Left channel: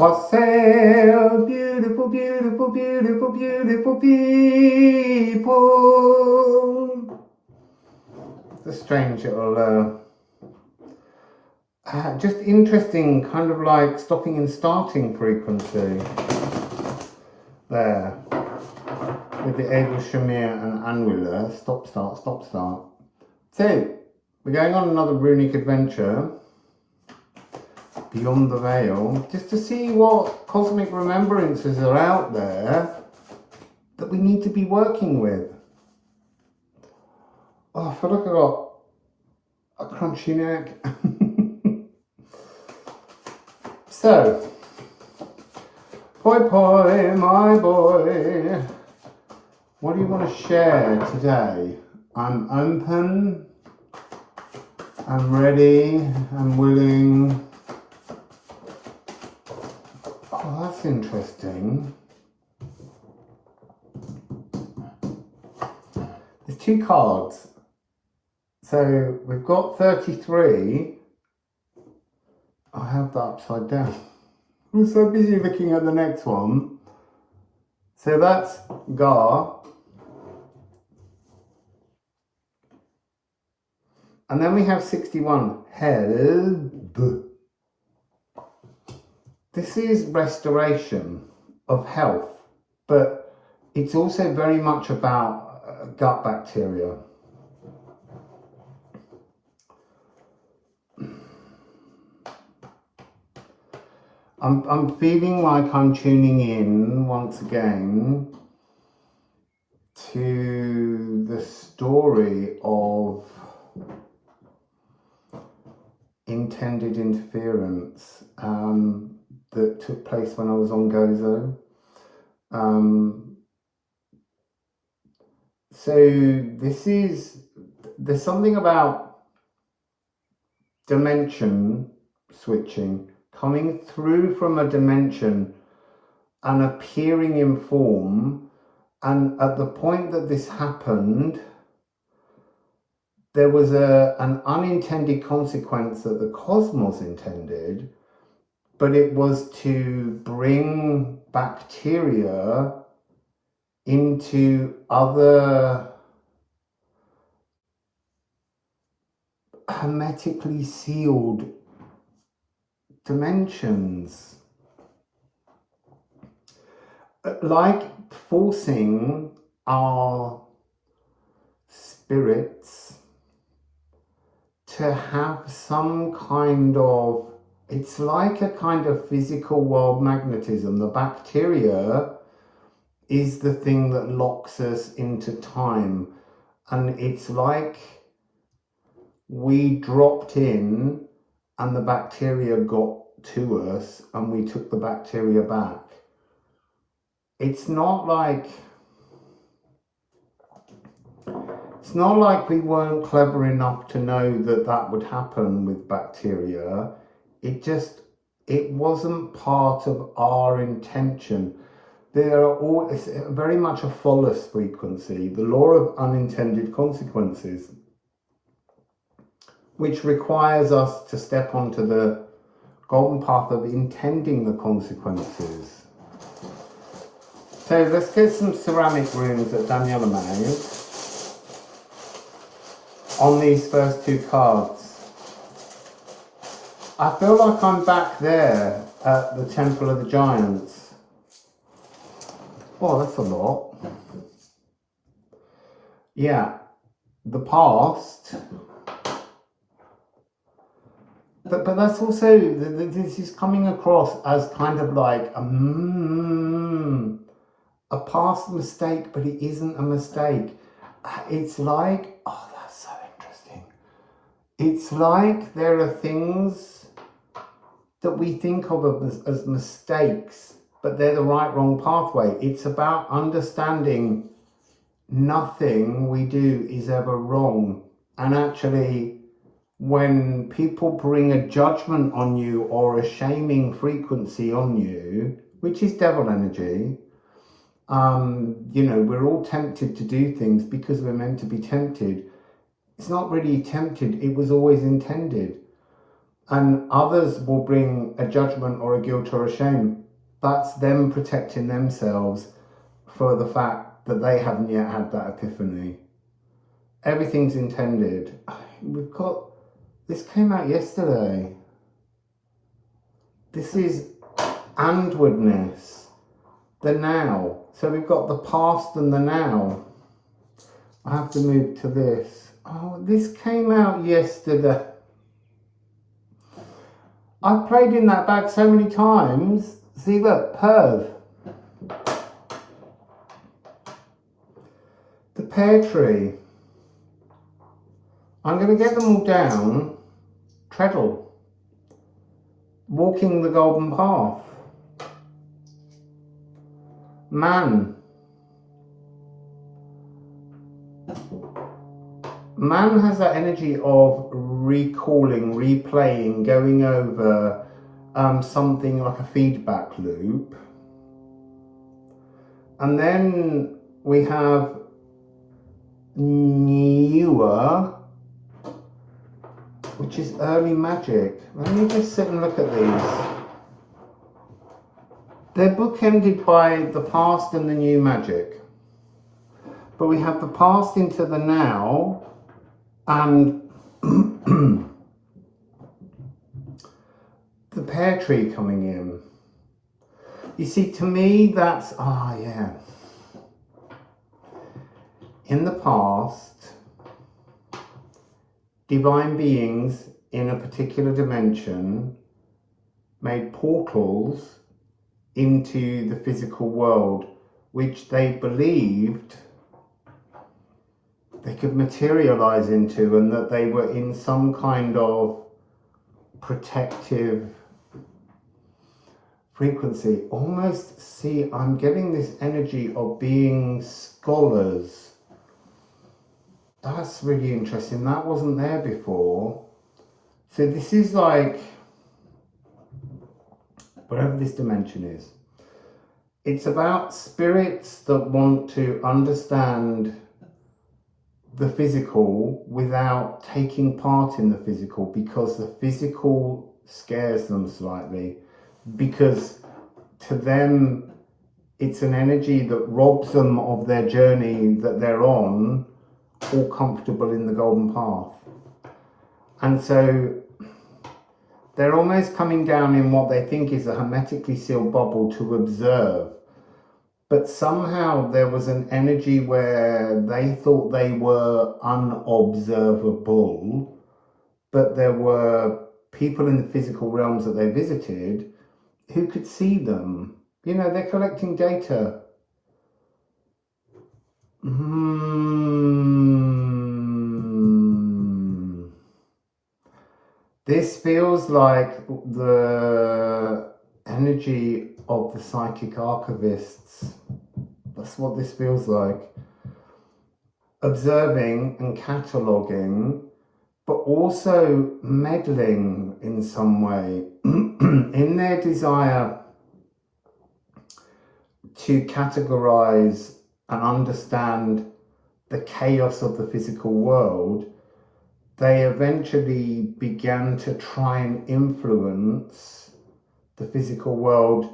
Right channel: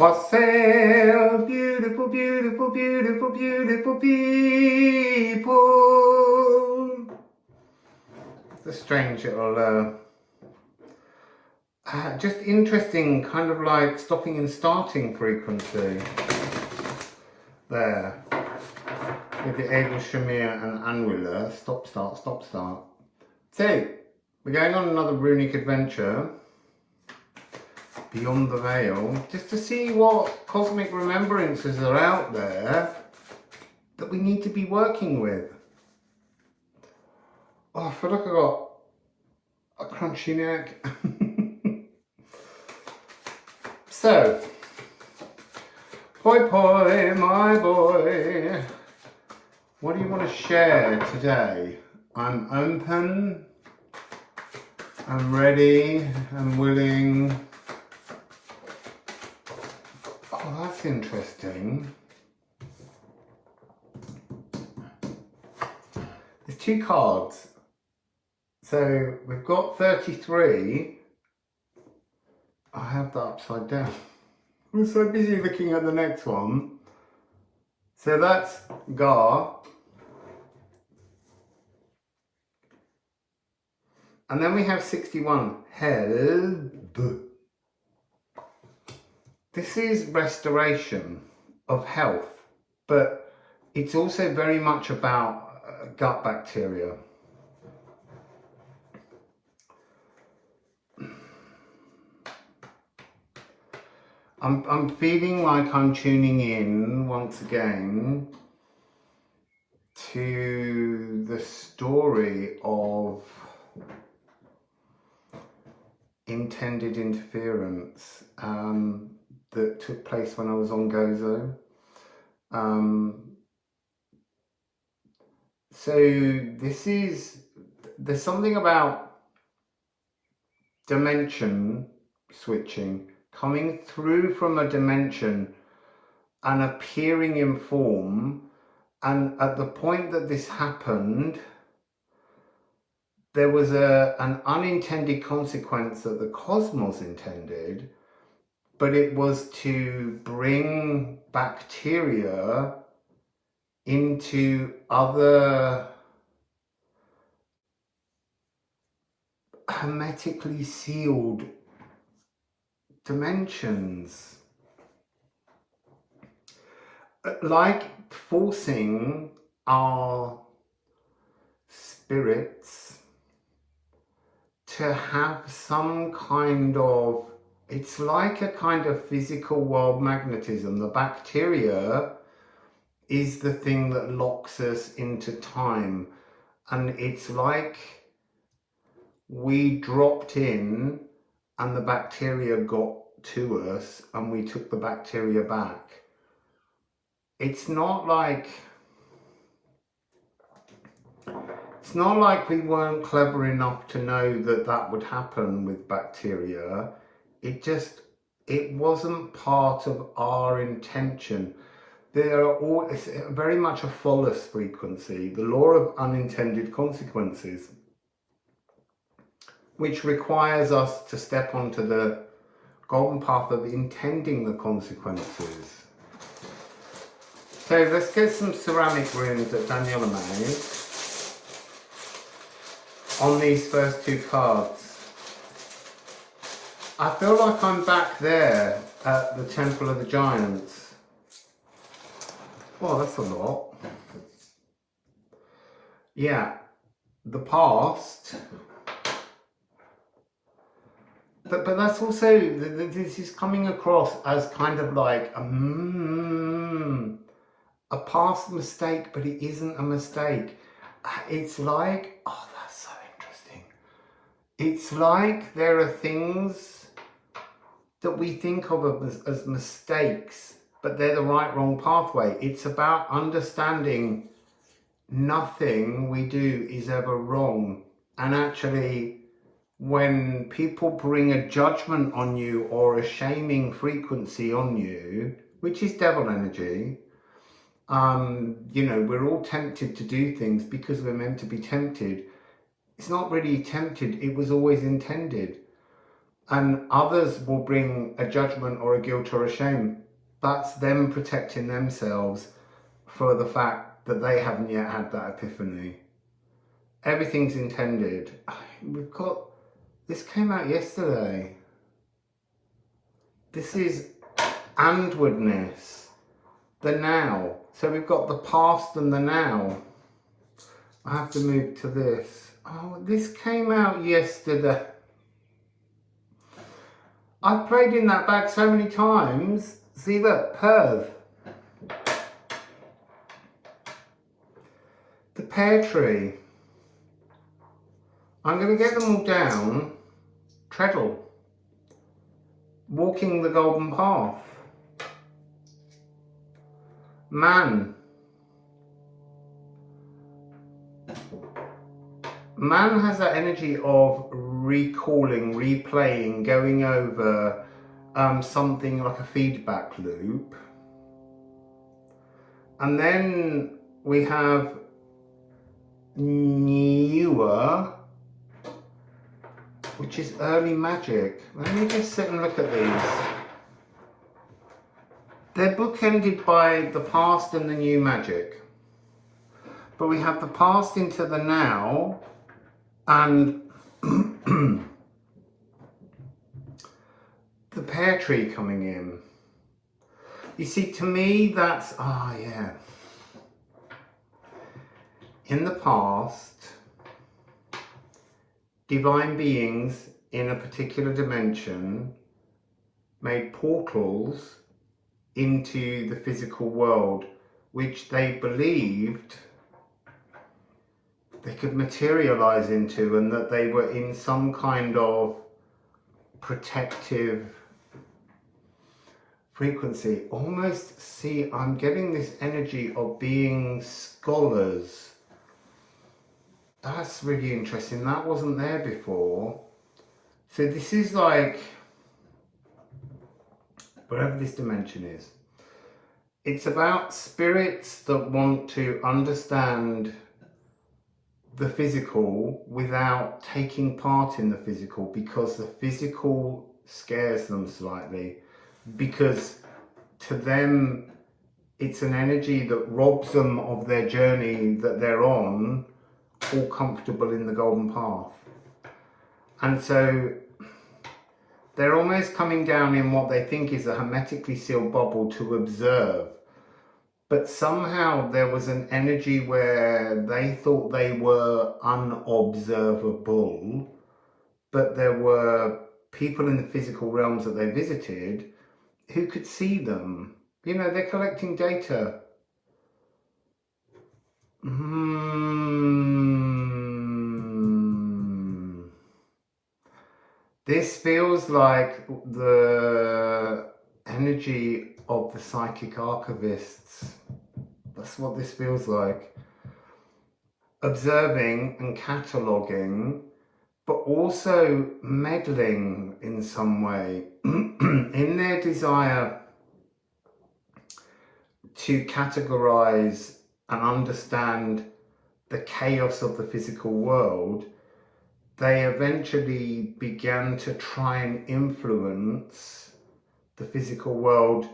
Wassail, beautiful, beautiful, beautiful, beautiful people. It's a strange little, just interesting, kind of like stopping and starting frequency there. With the able shamir and annular, stop, start, stop, start. So, we're going on another runic adventure beyond the veil, just to see what cosmic remembrances are out there that we need to be working with. Oh, I feel like I got a crunchy neck. So, poi poi, my boy, what do you want to share today? I'm open, I'm ready, I'm willing. Oh, that's interesting. There's 2 cards. So we've got 33. I have that upside down. I'm so busy looking at the next one. So that's Gar. And then we have 61. Help. This is restoration of health, but it's also very much about gut bacteria. I'm feeling like I'm tuning in once again to the story of intended interference that took place when I was on Gozo. So there's something about dimension switching, coming through from a dimension and appearing in form, and at the point that this happened, there was an unintended consequence that the cosmos intended, but it was to bring bacteria into other hermetically sealed dimensions, like forcing our spirits to have some kind of, it's like a kind of physical world magnetism. The bacteria is the thing that locks us into time, and it's like we dropped in and the bacteria got to us and we took the bacteria back. It's not like we weren't clever enough to know that that would happen with bacteria. It wasn't part of our intention. It's very much a phallus frequency, the law of unintended consequences, which requires us to step onto the golden path of intending the consequences. So let's get some ceramic runes that Daniela made on these first 2 cards. I feel like I'm back there at the Temple of the Giants. Oh, that's a lot. Yeah, the past. But that's also, this is coming across as kind of like a past mistake, but it isn't a mistake. It's like, oh, that's so interesting. It's like there are things that we think of as mistakes, but they're the wrong pathway. It's about understanding nothing we do is ever wrong. And actually, when people bring a judgment on you or a shaming frequency on you, which is devil energy, you know, we're all tempted to do things because we're meant to be tempted. It's not really tempted, it was always intended. and others will bring a judgment or a guilt or a shame. That's them protecting themselves for the fact that they haven't yet had that epiphany. Everything's intended. We've got, this came out yesterday. This is andwardness, the now. So we've got the past and the now. I have to move to this. Oh, this came out yesterday. I've played in that bag so many times. See, look, Perv. The pear tree. I'm going to get them all down. Treadle. Walking the golden path. Man. Man has that energy of recalling, replaying, going over something like a feedback loop. And then we have newer, which is early magic. Let me just sit and look at these. They're bookended by the past and the new magic. But we have the past into the now, and the pear tree coming in. You see, to me, that's, yeah. In the past, divine beings in a particular dimension made portals into the physical world, which they believed they could materialize into, and that they were in some kind of protective frequency. Almost, see, I'm getting this energy of being scholars. That's really interesting. That wasn't there before. So this is like, whatever this dimension is, it's about spirits that want to understand the physical without taking part in the physical, because the physical scares them slightly, because to them it's an energy that robs them of their journey that they're on, all comfortable in the golden path. And so they're almost coming down in what they think is a hermetically sealed bubble to observe. But somehow there was an energy where they thought they were unobservable, but there were people in the physical realms that they visited who could see them. You know, they're collecting data. This feels like the energy of the psychic archivists. That's what this feels like. Observing and cataloguing, but also meddling in some way in their desire to categorize and understand the chaos of the physical world. They eventually began to try and influence the physical world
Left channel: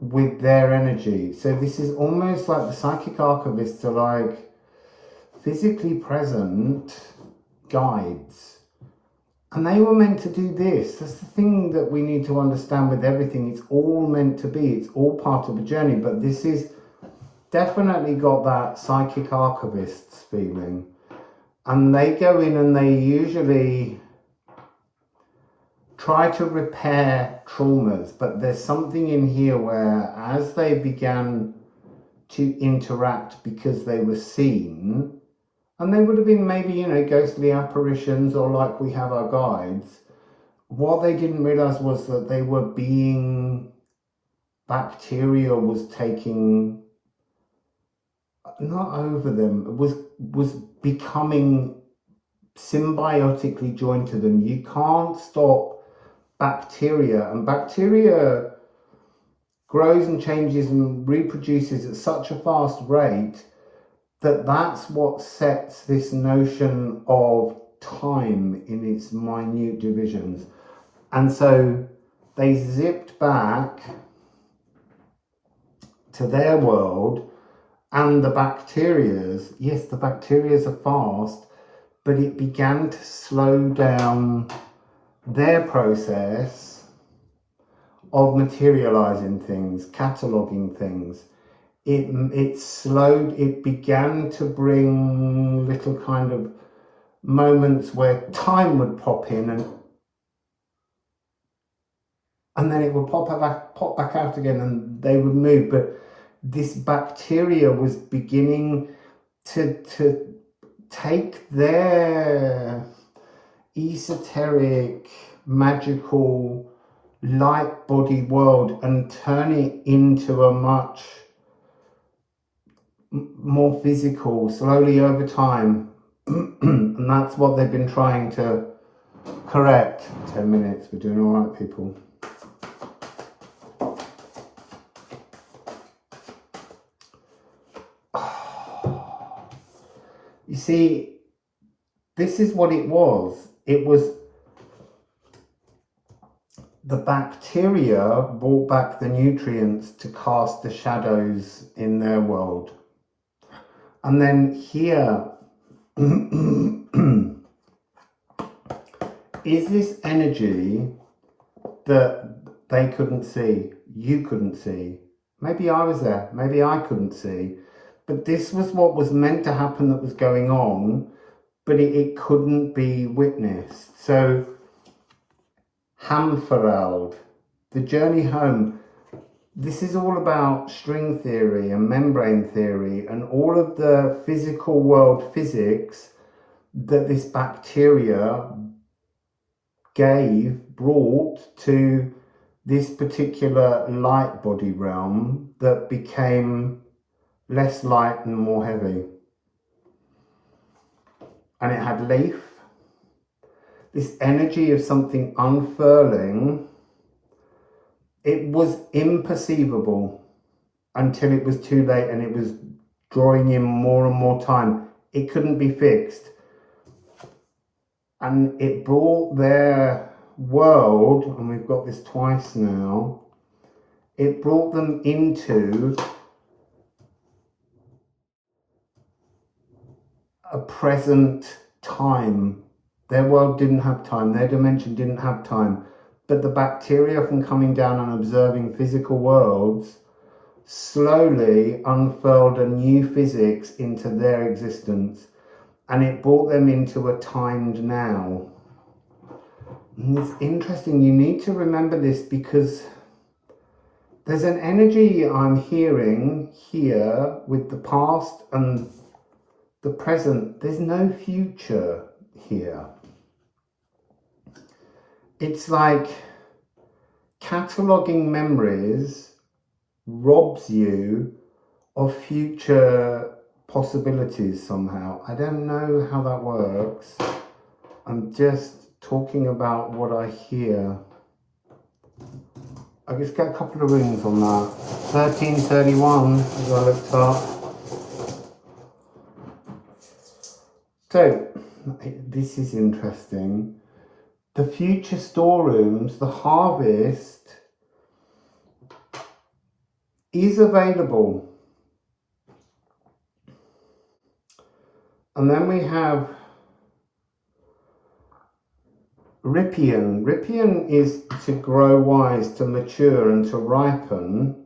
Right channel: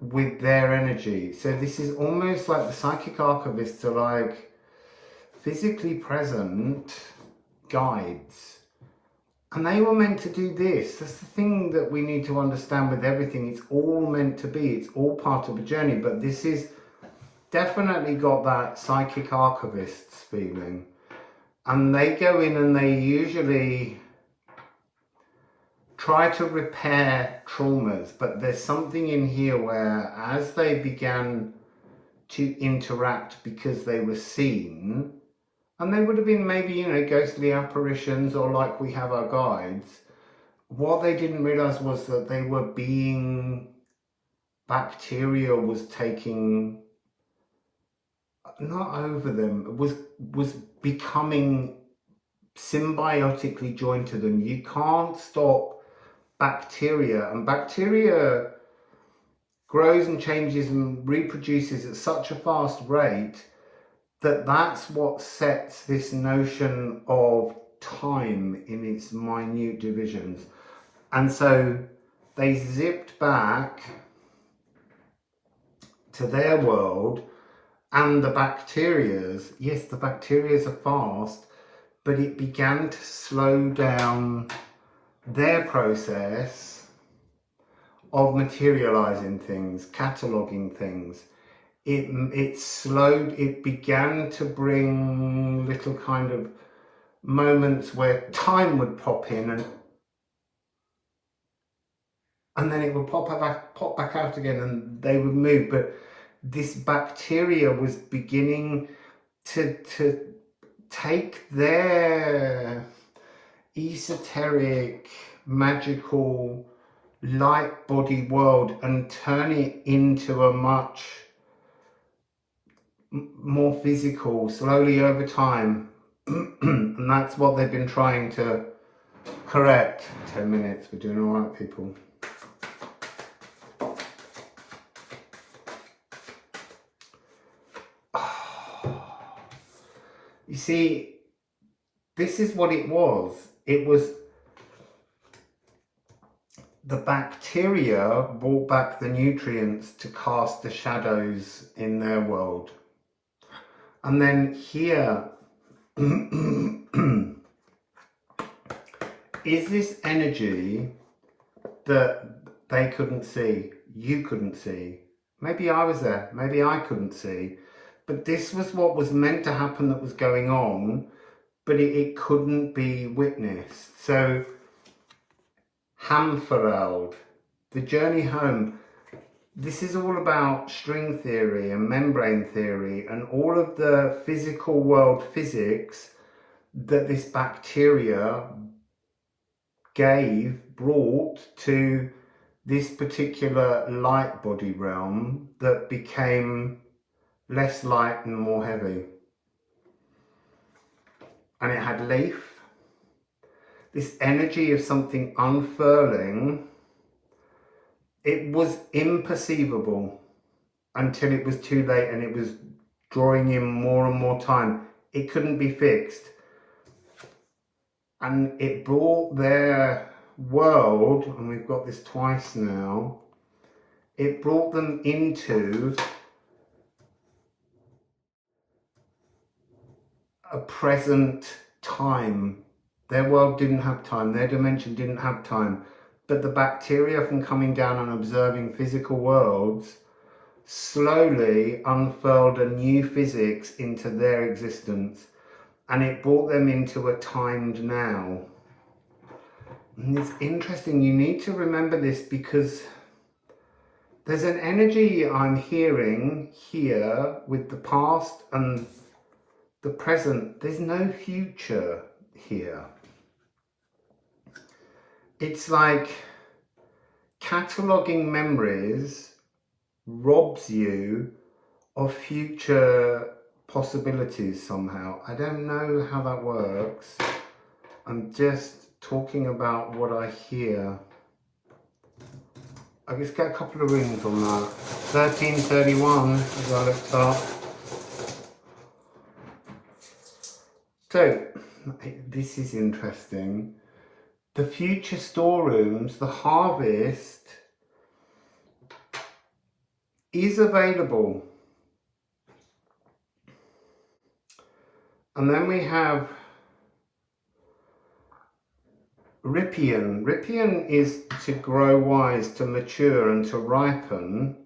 with their energy. So this is almost like the psychic archivists are like physically present guides. And they were meant to do this. That's the thing that we need to understand with everything. It's all meant to be. It's all part of a journey. But this is definitely got that psychic archivists feeling. And they go in and they usually try to repair traumas, but there's something in here where as they began to interact because they were seen, and they would have been maybe, you know, ghostly apparitions or like we have our guides, what they didn't realize was that they were being, bacteria was taking, not over them, was becoming symbiotically joined to them. You can't stop bacteria, and bacteria grows and changes and reproduces at such a fast rate that that's what sets this notion of time in its minute divisions. And so they zipped back to their world, and the bacterias, yes, the bacterias are fast, but it began to slow down their process of materializing things, cataloging things. It slowed, it began to bring little kind of moments where time would pop in, and then it would pop back out again, and they would move. But this bacteria was beginning to take their esoteric, magical, light body world and turn it into a much more physical, slowly over time. And that's what they've been trying to correct. 10 minutes, we're doing all right, people. You see, this is what it was. It was the bacteria brought back the nutrients to cast the shadows in their world. And then here is this energy that they couldn't see, you couldn't see. Maybe I was there, maybe I couldn't see. But this was what was meant to happen that was going on, but it couldn't be witnessed. So, Hamferald, the journey home. This is all about string theory and membrane theory and all of the physical world physics that this bacteria brought to this particular light body realm that became less light and more heavy. And it had leaf, this energy of something unfurling. It was imperceivable until it was too late and it was drawing in more and more time. It couldn't be fixed. And it brought their world, and we've got this twice now, it brought them into a present time. Their world didn't have time, their dimension didn't have time, but the bacteria from coming down and observing physical worlds slowly unfurled a new physics into their existence, and it brought them into a timed now. And it's interesting, you need to remember this, because there's an energy I'm hearing here with the past and the present. There's no future here. It's like cataloguing memories robs you of future possibilities somehow. I don't know how that works. I'm just talking about what I hear. I just get a couple of rings on that. 1331 as I looked up. So, this is interesting. The future storerooms, the harvest is available. And then we have Rippian. Rippian is to grow wise, to mature and to ripen.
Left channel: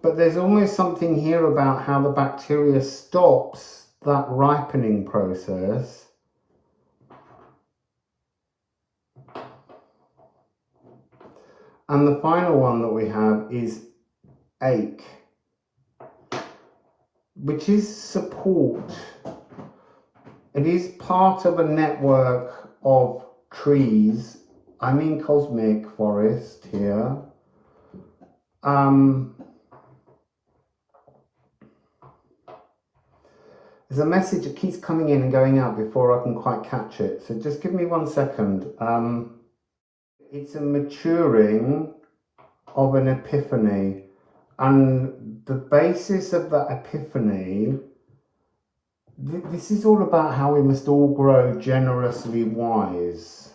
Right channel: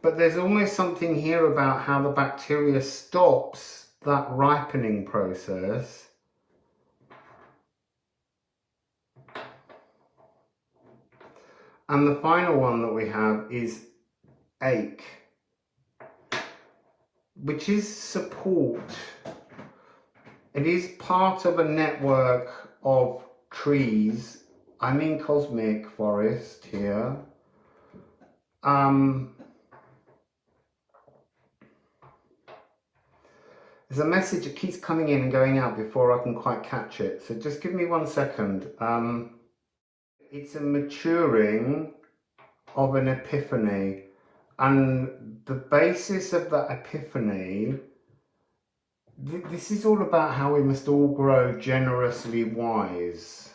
But there's almost something here about how the bacteria stops that ripening process. And the final one that we have is ache, which is support. It is part of a network of trees. I'm in cosmic forest here. There's a message that keeps coming in and going out before I can quite catch it. So just give me 1 second. It's a maturing of an epiphany. And the basis of that epiphany, this is all about how we must all grow generously wise.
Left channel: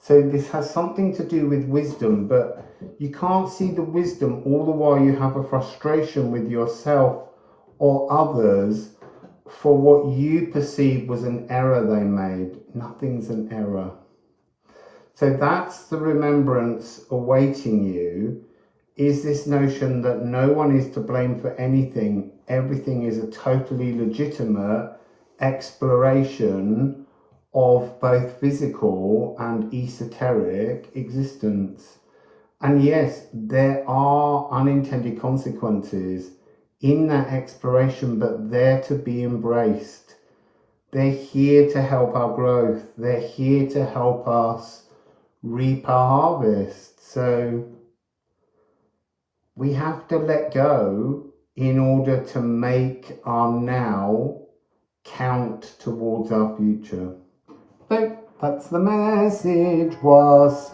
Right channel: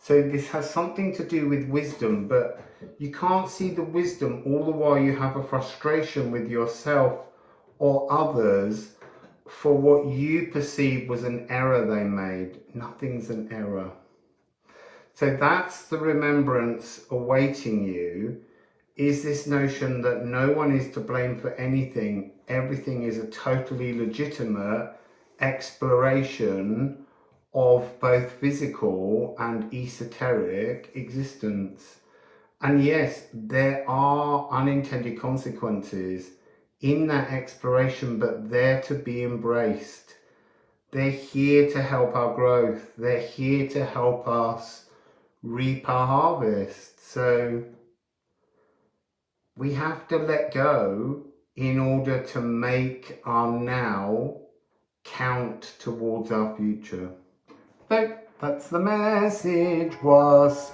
So this has something to do with wisdom, but you can't see the wisdom all the while you have a frustration with yourself or others for what you perceive was an error they made. Nothing's an error. So that's the remembrance awaiting you, is this notion that no one is to blame for anything. Everything is a totally legitimate exploration of both physical and esoteric existence. And yes, there are unintended consequences in that exploration, but they're to be embraced. They're here to help our growth. They're here to help us reap our harvest. So we have to let go in order to make our now count towards our future. So that's the message, Wassail.